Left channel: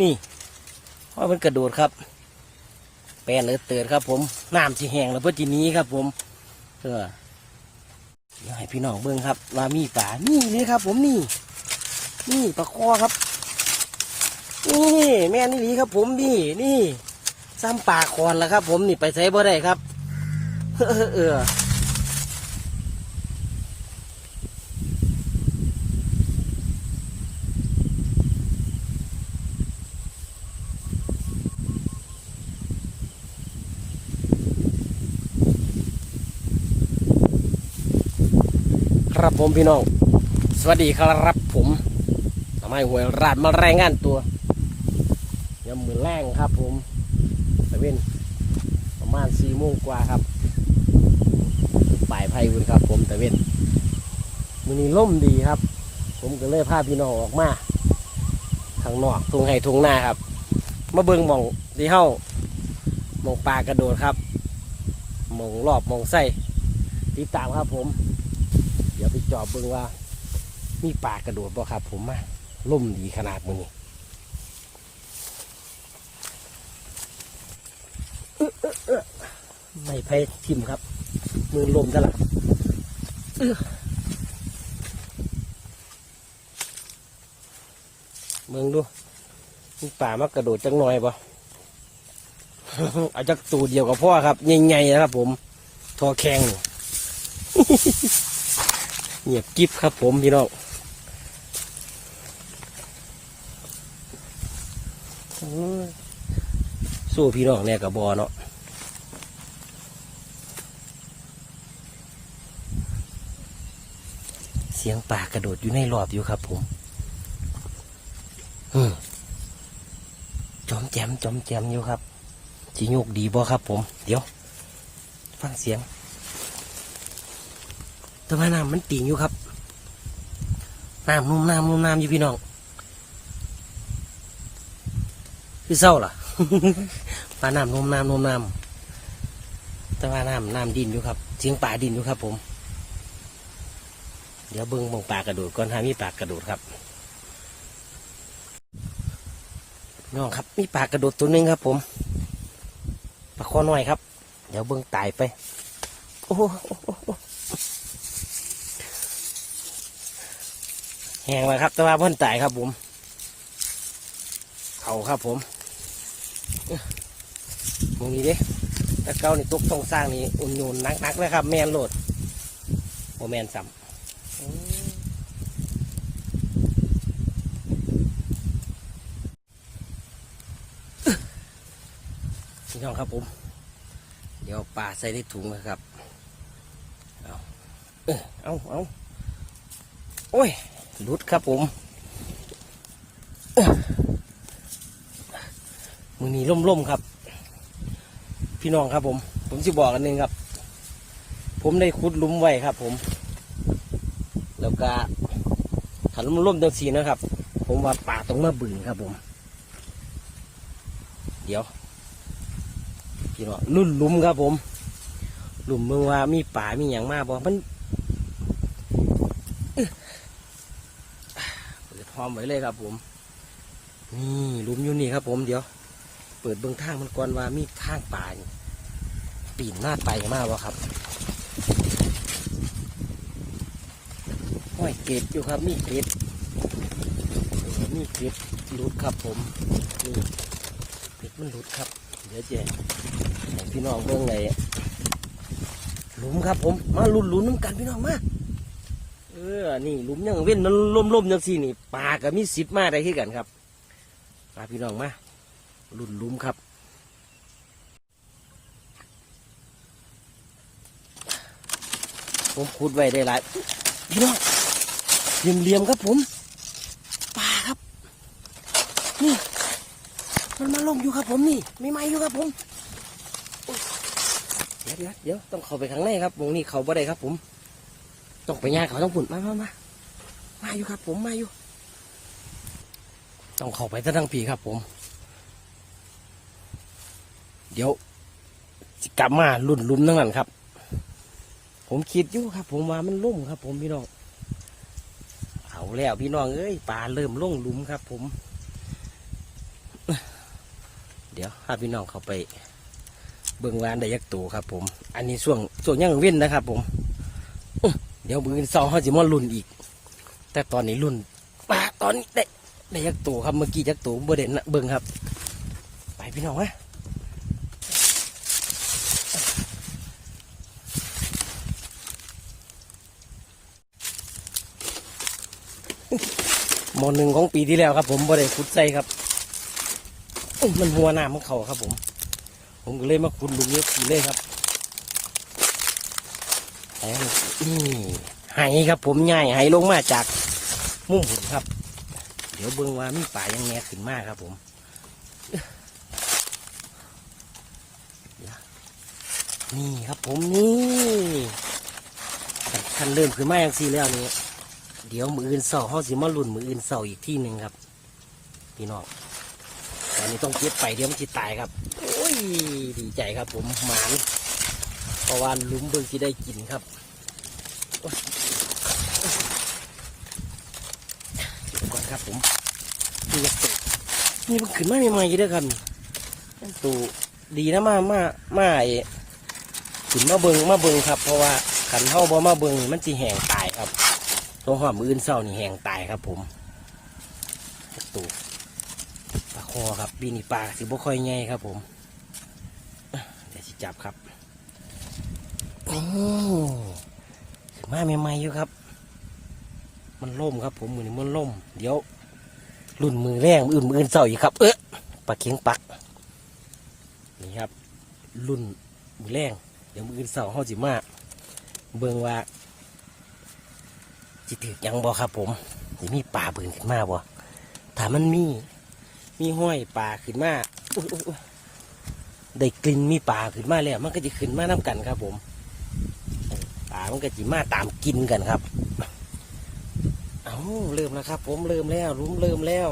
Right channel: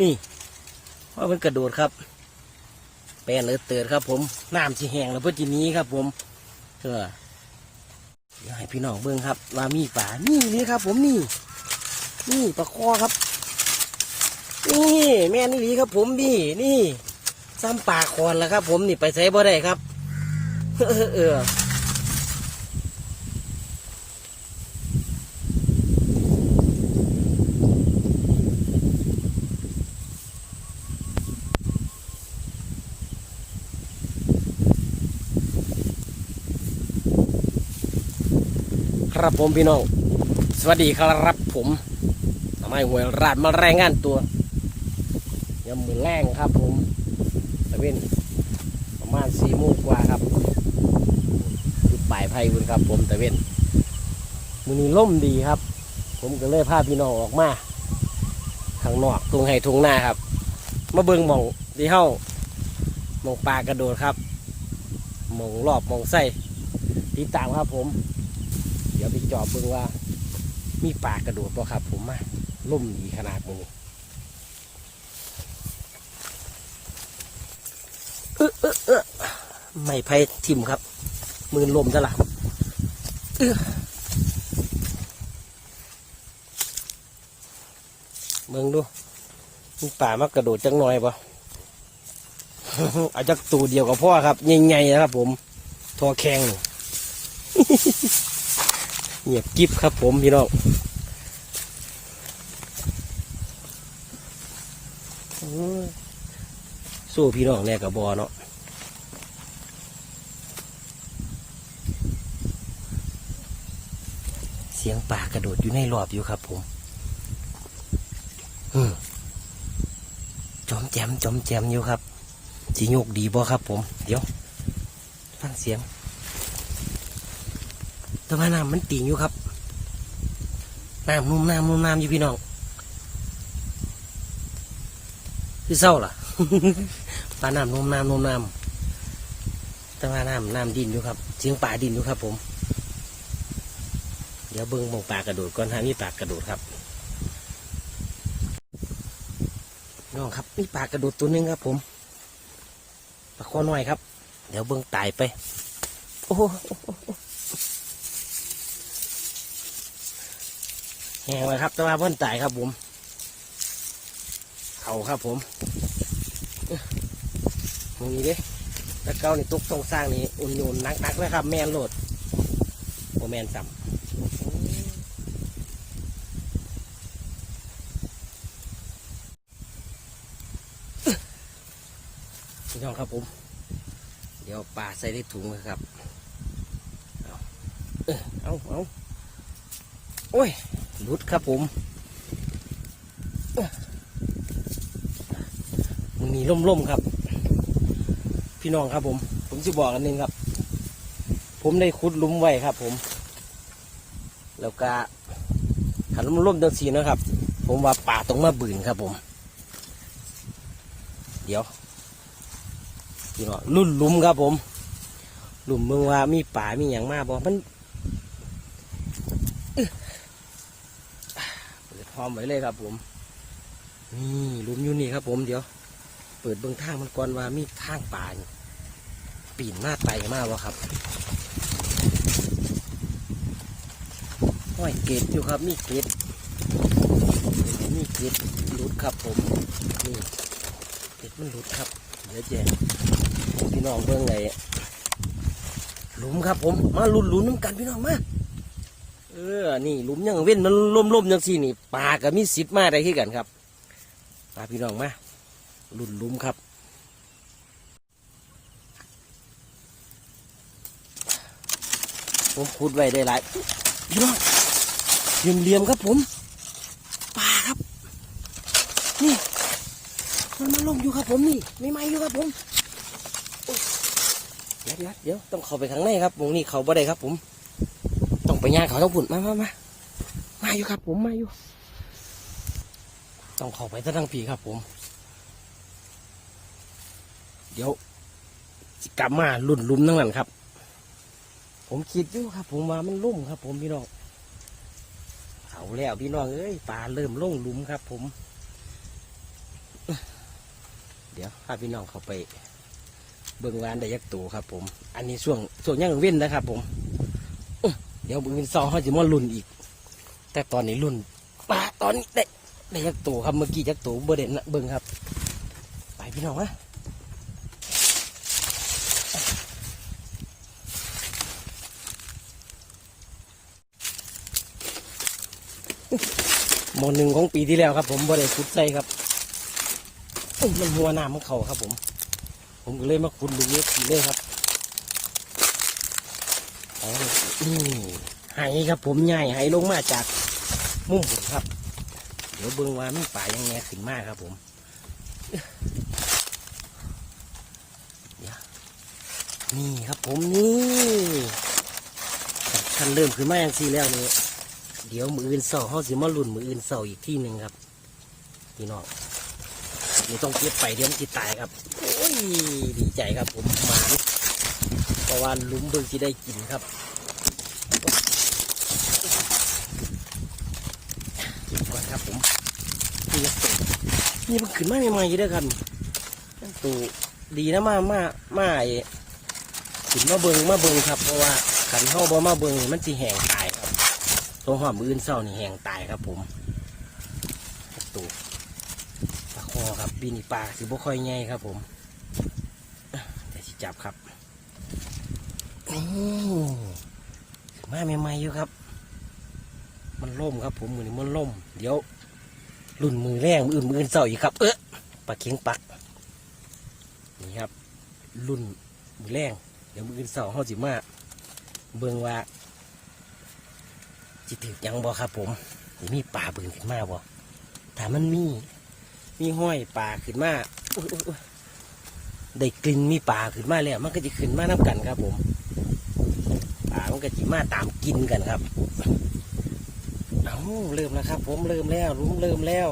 นี่เพราะมันกระโดดครับ แปลนเลยเตือนครับ ผมน้ำที่แห้งแล้วเพื่อจีนี้ครับ ผมเออเดี๋ยวให้พี่น้องเบิ้งครับว่ามีป่านี่นี่ครับ ผมนี่ นี่ปลาคอครับ นี่แม่นี่ลีครับ ผมนี่นี่ซ้ำปลาคอนแล้วครับ ผมนี่ไปใส่บ่ได้ครับ เออ ครับผมพี่น้อง สวัสดีครับผมทำไมหวยราดมาแรายงานตัวยำมือแรงครับผมตะเว้นประมาณสี่โมงกว่าครับอยู่ปลายไผ่คุณครับ ผมตะเว้นมือนี้ล่มดีครับ ผมก็เลยพาพี่น้องออกมาข้างนอกทุ่งไห่ทุ่งนาครับ มาเบิ่งมองที่เฮ้ามองปลากระโดดครับมองรอบมองไส้ติดตามครับผม เดี๋ยวไปจอบเบิ่งว่า มีปลากระโดดบ่ครับ ผมไม่ล่มดีขนาดมือนี้เออเออเออไม่ไพ่ทิมครับ มือลมซะละเอื้อเบิ่งดูมีป่ามากระโดดจังหน่อยบ่เอาจักตัวเดียวกับพ่อครับใหญ่ๆนะครับผมทอแข็ง เงียบกิบครับผมพี่น้องสู้พี่น้องเนี่ยกับบอเนาะเสียงป่ากระโดดอยู่ในรอบอยู่ครับผมอืมจอมแจมจอมแจมอยู่ครับ สีโยกดีบ่ครับผม เดี๋ยว ฟังเสียง แต่ว่าน้ำมันติ่งอยู่ครับน้ำนุ่มน้ำนุ่มน้ำอยู่พี่น้องพี่เศร้าล่ะปลาน้ำนุ่มน้ำนุ่มน้ำแต่ว่าน้ำน้ำดินอยู่ครับเสียงป่าดินอยู่ครับ ผม เดี๋ยวเบิ้งมองปลากระโดดก่อนฮะมีปลากระโดดครับน้องครับมีปลากระโดดตัวหนึงครับ ผมปลาคอน้อยครับ เดี๋ยวเบิ้งตายไป โอ้โห แหงเลยครับ แต่ว่าเพิ่นตายครับผมเขาครับผมมองนี้ด้แต่เก้านี่ตุกตรงสร้างนี่อุ่นโยนนักๆเลยครับ แมนโหลดโอแมนสัมพี่น้องครับผม เดี๋ยวปลาใส่ในถุงนะครับ เอาเอ๊ะเอาเอาโอ้ย รุดครับผมมือนี้ล่มๆครับ พี่น้องครับผม ผมจะบอกอันหนึงครับ ผมได้ขุดลุมไว้ครับ ผม แล้วก็ขันล่มเดิมทีนะครับ ผมว่าป่าต้องมาบืนครับผม เดี๋ยวพี่น้องรุ่นลุมครับผม ลุมเมืองว่ามีป่ามีอย่างมากบ่มัน เปิดพร้ อมไว้เลยครับ ผมนี่ลุมอยู่นี่ครับ ผมเดี๋ยว เปิดเบื้องทางมันก่อนว่ามีทางป่าปีนหน้าไปมากวะครับห้อยเกล็ดอยู่ครับ มีเกล็ดเออมีเกล็ดหลุดครับ ผมนี่เกล็ดมันหลุดครับ เดี๋ยวแจกให้พี่น้องเบื้องไหนหลุมครับ ผมมาลุ้นลุ้นน้ำกันพี่น้องมา ออ นี่หลุมยังเว้นมันล่มๆยังสี่นี่ปลาก็มีสิทธิ์มาได้ที่กันครับปลาพี่น้องมาหลุนหลุมครับผมขุดไว้ได้หลายพี่น้องเหลี่ยมเหลี่ยมครับผมปลาครับนี่มันมาลงอยู่ครับผมนี่ไม่ไหมอยู่ครับผมเดี๋ยวเดี๋ยวเดี๋ยวต้องเข้าไปข้างในครับวงนี้เขาบ่ได้ครับผม ต้องไปย่างเขาต้องปุ่นมามามามาอยู่ครับผมมาอยู่ ต้องเข้าไปทั้งปีครับผม เดี๋ยวกลับมาลุ่นลุ่มทั้งนั้นครับ ผมคิดอยู่ครับ ผมว่ามันลุ่มครับ ผมพี่น้องเอาแล้วพี่น้องเอ้ยปลาเริ่มลงหลุมครับ ผม เดี๋ยวพาพี่น้องเขาไปเบิ่งร้านได้ยักษ์ตัวครับ ผม อันนี้ช่วงช่วงย่างเว้นนะครับ ผมอ เดี๋ยวมืออนเสาร์เขาจะมาลุ่นอีก แต่ตอนนี้ลุ่นปลาตอนนี้ได้ได้ยักตัวครับเมื่อกี้ยักตัวเบอร์เด่นนะเบิ่งครับ ไปพี่น้องไหมหมอหนึ่งของปีที่แล้วครับ ผมบ่ได้ขุดใส่ครับอุ๊ยมันหัวหน้าของเขาครับผม ผมก็เลยมาขุดลุงเล็กทีเลยครับ นี่ไหครับผมง่ายไหลงมาจากมุมผมครับ เดี๋ยวเบิ่งว่ามีป่ายังแงขึ้นมากครับผมนี่ครับผมนี่คันเริ่มขึ้นมาอย่างทีแล้วนี่เดี๋ยวมืออื่นเสาเขาสิมาลุ่นมืออื่นเสาอีกที่หนึ่งครับพี่น้องอันนี้ต้องเก็บไปเดี๋ยวมันจะตายครับ โอ้ยดีใจครับผมหมาน เพราะว่าลุ้มเบิ่งที่ได้กินครับเก็บก่อนครับผมนี่ยักษ์ตัวนี่มันขึ้นมาใหม่ๆอยู่ด้วยกันตัวดีนะมามามาไอ้ขึ้นมาเบิงมาเบิงครับ เพราะว่าขันเข้าบ่มาเบิงมันจะแห้งตายครับ ตัวหอมอื่นเศร้านี่แห้งตายครับ ผมตัวปลาคอครับปีนี้ปลาสิบ่ค่อยใหญ่ครับ ผมอะจับครับ มาใหม่ๆอยู่ครับ มันล่มครับ ผมมือนี้มันล่ม เดี๋ยวรุ่นมือแรงมืออื่นมืออื่นเศร้าอีกครับ เอ๊ะปลาเข็งปักนี่ครับ รุ่นมือแรงเดี๋ยวมืออื่นเศร้าเขาสิมาเบิ่งว่าจิติยังบ่ครับ ผมสิมีปลาเบิ่งขึ้นมาบ่ถ้ามันมี มีห้อยปลาขึ้นมาได้กลิ่นมีปลาขึ้นมาแล้วมันก็จะขึ้นมาน้ำกันครับผม มันก็จะมาตามกินกันครับ เอาเริ่มแล้วครับ ผมเริ่มแล้วรุ้มเริ่มแล้ว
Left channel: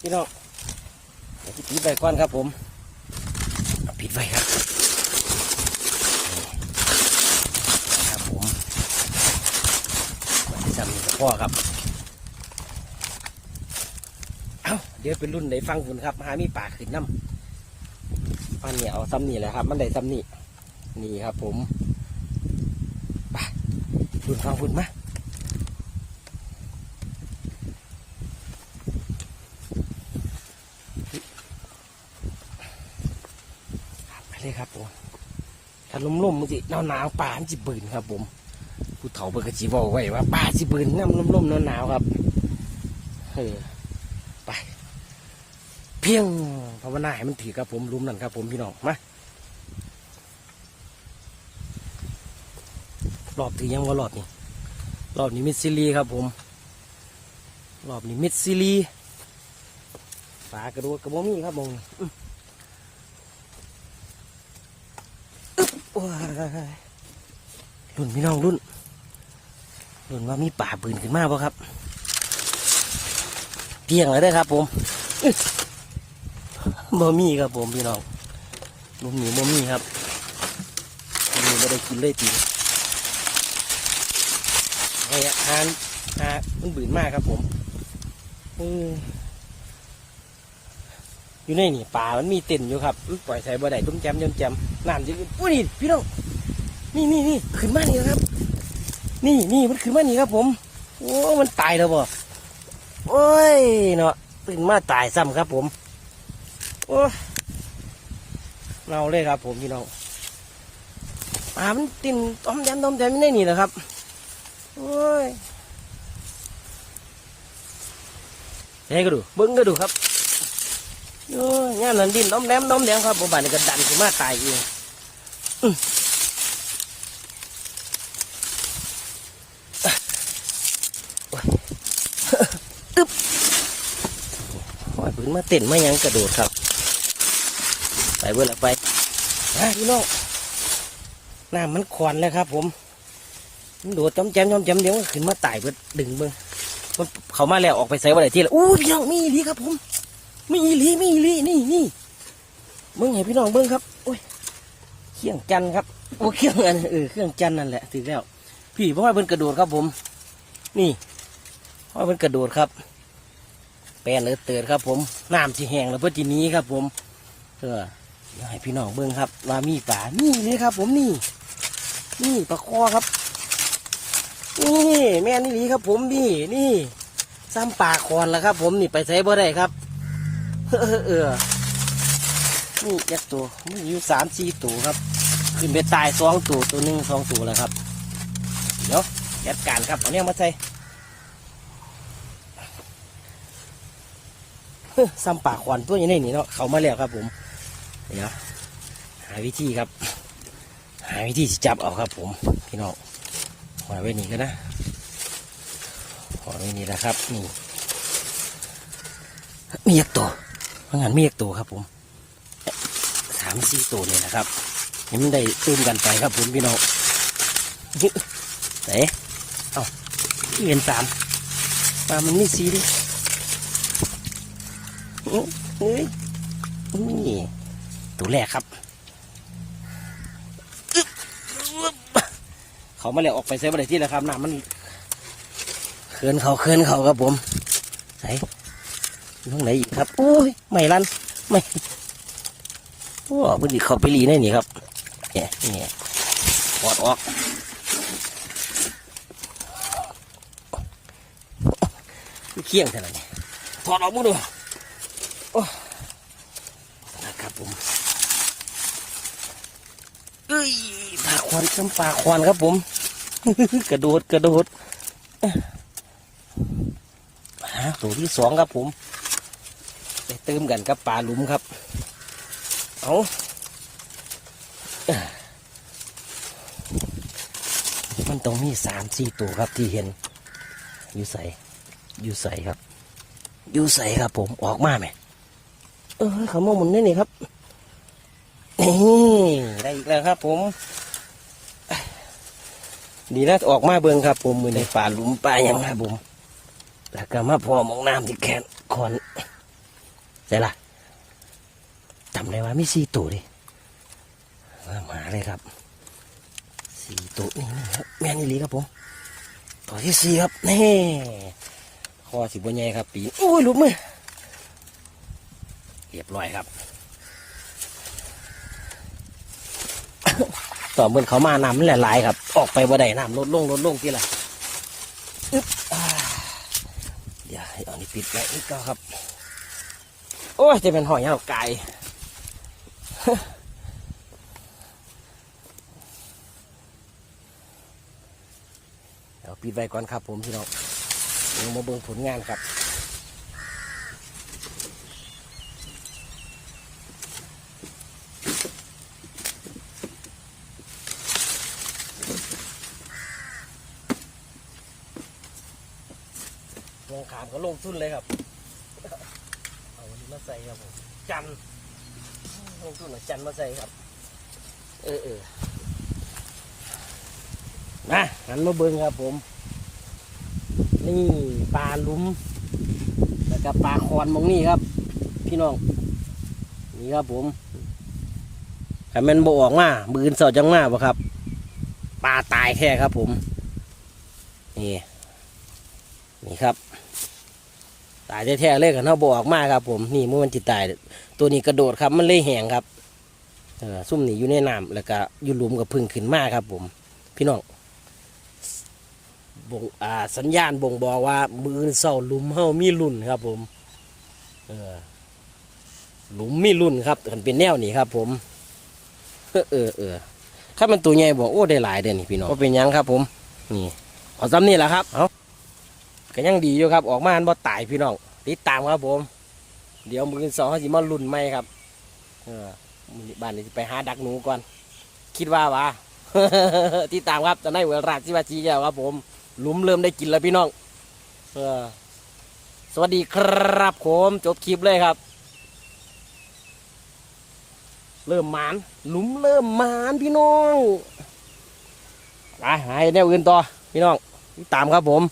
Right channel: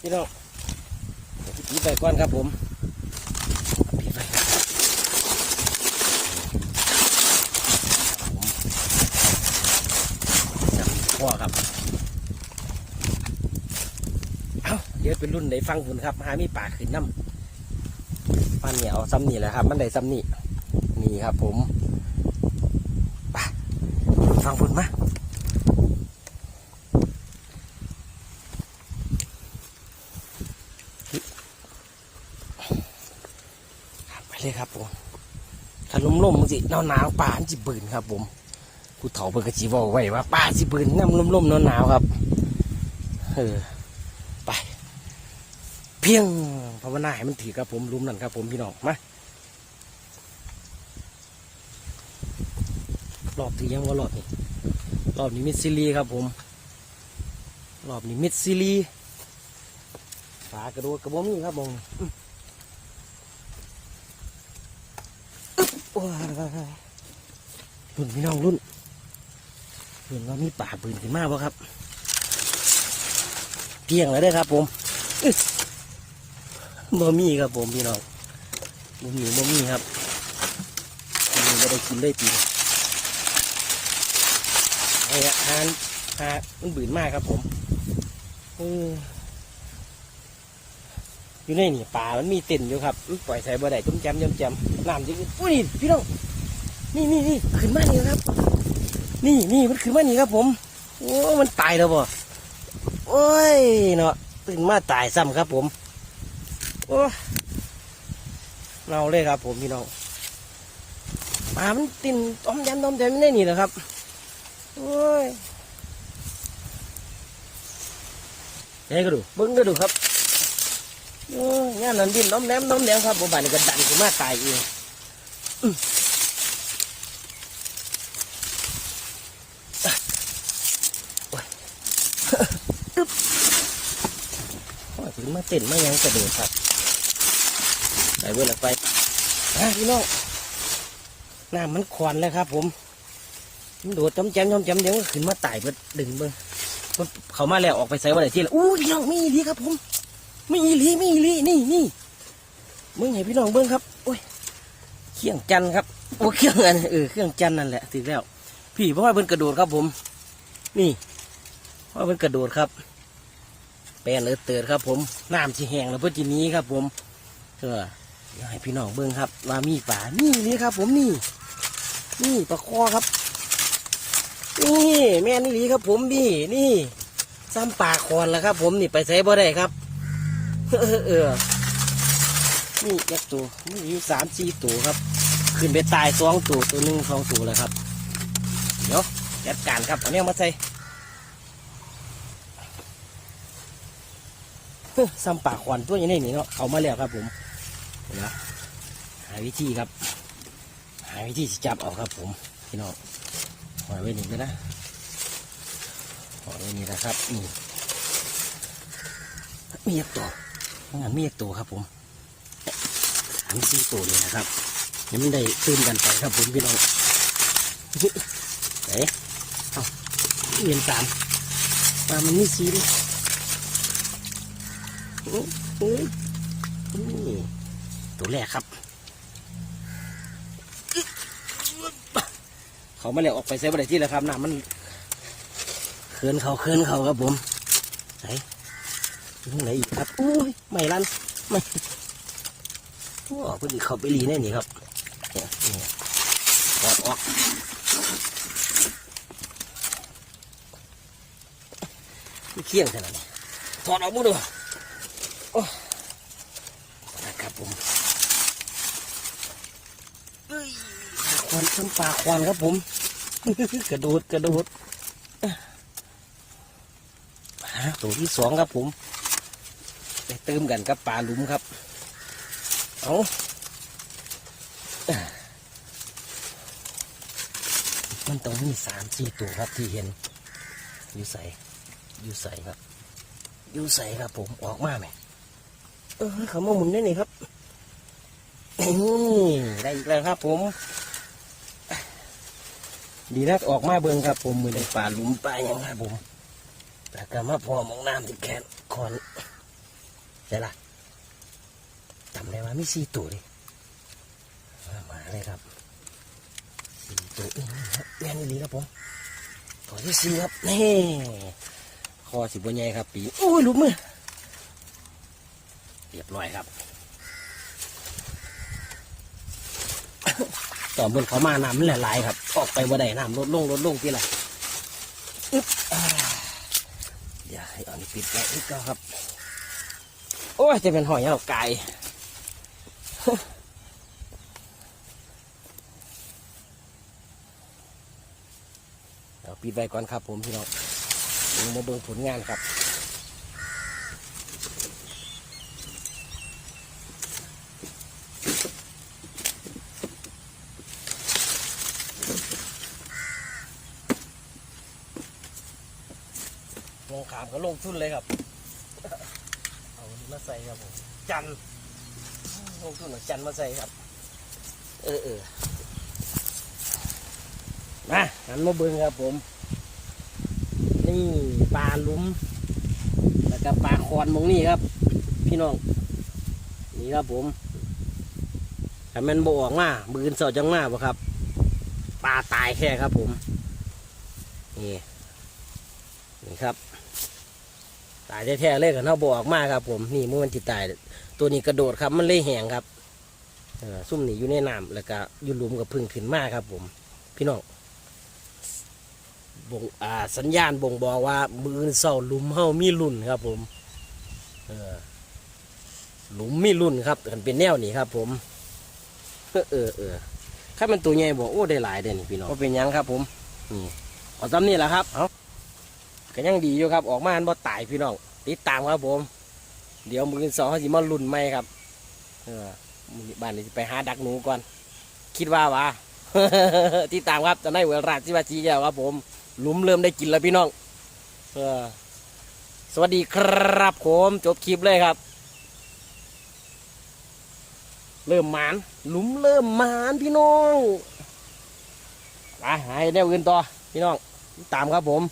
พี่น้องเดี๋ยวปิดไฟก่อนครับผมปิดไฟครับผมจับพ่อครับ เอาเดี๋ยวเป็นรุ่นไหนฟังคุณครับ หามีป่าขึ้นน้ำฟันเหนียวซ้ำนี่แหละครับ มันได้ซ้ำนี่นี่ครับผม ฟังคุณมาไปเลยครับผมถ้าลมๆมันสิหนาวหนาวป่ามันสิบืนครับ ผมผู้เฒ่าเปิดกระสีบอกไว้ว่าป่าสิบืนน้ำลมๆหนาวๆครับเออไปเพียงภาวนาให้มันถือครับผมรุมนั่นครับ ผมพี่น้องมา รอบที่ยังว่ารอบนี้รอบนี้มิดซิลีครับผม รอบนี้มิดซิลีปลากระโดดกระโบมีครับผมอื้อโอ้ยรุ่นพี่น้องรุ่นรุ่นว่ามีป่าปืนขึ้นมากป่ะครับเที่ยงเลยได้ครับผมบ่มีครับผมพี่น้องบ่มีบ่มีครับมีไม่ได้กินได้ตี ไอ้อาหารหามันบืนมากครับผมโอ้อยู่ในนี่ป่ามันมีเต็นอยู่ครับปล่อยใส่บ่ได้ต้มแจมต้มแจมน้ำจะอุ่นอุ้ยพี่น้องนี่นี่นี่ขึ้นมาเลยครับ นี่นี่มันขึ้นมานี่ครับผม โอ้มันตายแล้วบ่โอ้ยเนาะตื่นมาตายซ้ำครับ ผม โอ้เน่าเลยครับ ผมพี่น้องปลามันตื่นต้มยันต้มยันไม่ได้นี่แหละครับ โอ้ยยังก็ดูเบิ้งก็ดูครับโอ้ยงานนั้นดินน้มแหลมน้มแหลมครับผมบ้านนี้ก็ดันขึ้นมาตายเองอื้ออะโอ้ยว่าถึงมาเต้นมาหยังกระโดดครับ ไปเว้ยละไปอะพี่น้องน้ำมันควันแล้วครับผม มันโดดต้มแจมต้มแจมเดี๋ยวขึ้นมาไต่ไปดึงมือมันเขามาแล้วออกไปใส่วันไหนที่ละอู้พี่น้องนี่ดีครับผมมีอีลีมีอีลีนี่นี่มึงให้พี่น้องเบิ้งครับโอ้ยเครื่องจันครับโอ้เครื่องอันเออเครื่องจันนั่นแหละถึงแล้ว พี่เพราะว่าเป็นกระโดดครับผม นี่เพราะว่าเป็นกระโดดครับไปลนเออเติร์ดครับ ผมน้ำที่แห้งแล้วเพื่อทีนี้ครับ ผมเออให้พี่น้องเบิ่งครับว่ามีป่านี่นี่ครับ ผมนี่ นี่ปลาคอครับ นี่แม่นี่ลีครับ ผมนี่นี่ซ้ำปลาคอนแล้วครับ ผมนี่ไปใส่บ่ได้ครับเออนี่ยักตัวมีอยู่สามสี่ตัวครับ ขึ้นไปตายสองตัวตัวหนึ่งสองตัวแล้วครับ เดี๋ยวจัดการครับเอาเนี่ยมาใส่ซ้ำปากควันตัวยังไงนี่เนาะเอามาแล้วครับ ผมนะหาวิธีครับ หาวิธีจับเอาครับ ผมพี่น้อง หอยไว้นี่กันนะหอยไว้นี่นะครับนี่มีเอกตัวพนักงานมีเอกตัวครับผมสามสี่ตัวเลยนะครับเห็นได้ตื่นกันไปครับผมพี่น้องไหนเอาเงินสามตามมันนี่สีดิโอ้เฮ้ยนี่ตัวแรกครับ เขามาเรียกออกไปเซฟอะไรที่แล้วครับน้ำมันเคลื่อนเขาเคลื่อนเขาครับผมไหนอยู่ตรงไหนอีกครับโอ้ยไม่รันไม่โอ้พิ่งเขาไปรีแน่นี่ครับเนี่ยเนี่ยออกออกเคี่ยงขนาดนี้ถอดออกมึงดูโอ้นะครับผมเอ้ยปลาควันน้ำปลาควันครับผม กระโดดกระโดดฮะตัวที่สองครับผมจะเติมกันกับปลาหลุมครับ เอามันต้องมีสามสี่ตัวครับที่เห็น อยู่ใส่อยู่ใส่ครับ อยู่ใส่ครับผมออกมาไหมเออเขามาหมุนนี่นี่ครับนี่ได้อีกแล้วครับผม ดีนะออกมาเบิ่งครับ ผมมือในป่าหลุมป่ายังครับผมแต่ก็มาพอมองน้ำที่แขนคอนใช่ละจำได้ว่ามีสี่ตัวดิมามาเลยครับสี่ตัวนี่ครับแม่นอี่ลีครับผมตัวที่สี่ครับนี่คอสิบวันใหญ่ครับ ปีนโอ้ยหลุดมือเรียบร้อยครับต่อเมื่อเขามาน้ำมันหลายๆครับ ออกไปบ่ได้น้ำลดลงลดลงที่ละอึ๊บอ่าเดี๋ยวให้อานี่ปิดไว้อีกแล้วครับ โอ้ยจะเป็นหอยยาวไก่เดี๋ยวปิดไว้ก่อนครับผมพี่น้องมาเบิ่งผลงานครับ ขามก็ลงทุนเลยครับ เอาอันนี้มาใส่ครับผมจันทร์ลงทุนเอจันมาใส่ครับ เออเออนะหันมาเบิ่งครับผม นี่ปลาลุมแล้วก็ปลาคอนมองนี่ครับ พี่น้อง นี่ครับผมถ้ามันบออกมามือนเสาจังมาบ่ครับปลาตายแค่ครับผม นี่ นี่ครับ ตายแท้ๆเลยกันเขาบออกมาครับ ผมนี่มันจิตตาย ตัวนี้กระโดดครับมันเลยแหงครับเออซุ่มนี่อยู่ในน้ำแล้วก็อยู่หลุมกับพึ่งขึ้นมาครับ ผม พี่น้องบ่งอ่าสัญญาณบ่งบอกว่า มือเศร้าหลุมเฮามีรุ่นครับ ผมเออหลุมมีรุ่นครับมันเป็นแนวนี้ครับ ผม เออเออเออถ้ามันตัวใหญ่บอกโอ้ได้หลายเด่นพี่น้องก็เป็นหยังครับ ผม นี่เอาซ้ำนี่แหละครับเอา ก็ยังดีอยู่ครับ ออกมาอันบ่ตายพี่น้องติดตามครับผม เดี๋ยวมือสองเขาสิมารุ่นไหมครับ เออมื้อบ้านนี้ไปหาดักหนูก่อน คิดว่าวะติดตามครับจะได้เวลาที่ว่าจีแก้วครับ ผมหลุมเริ่มได้กินแล้วพี่น้องเออสวัสดีครับผมจบคลิปเลยครับ เริ่มหมานหลุมเริ่มหมานพี่น้องไปหายแนวอื่นต่อพี่น้องติดตามครับผม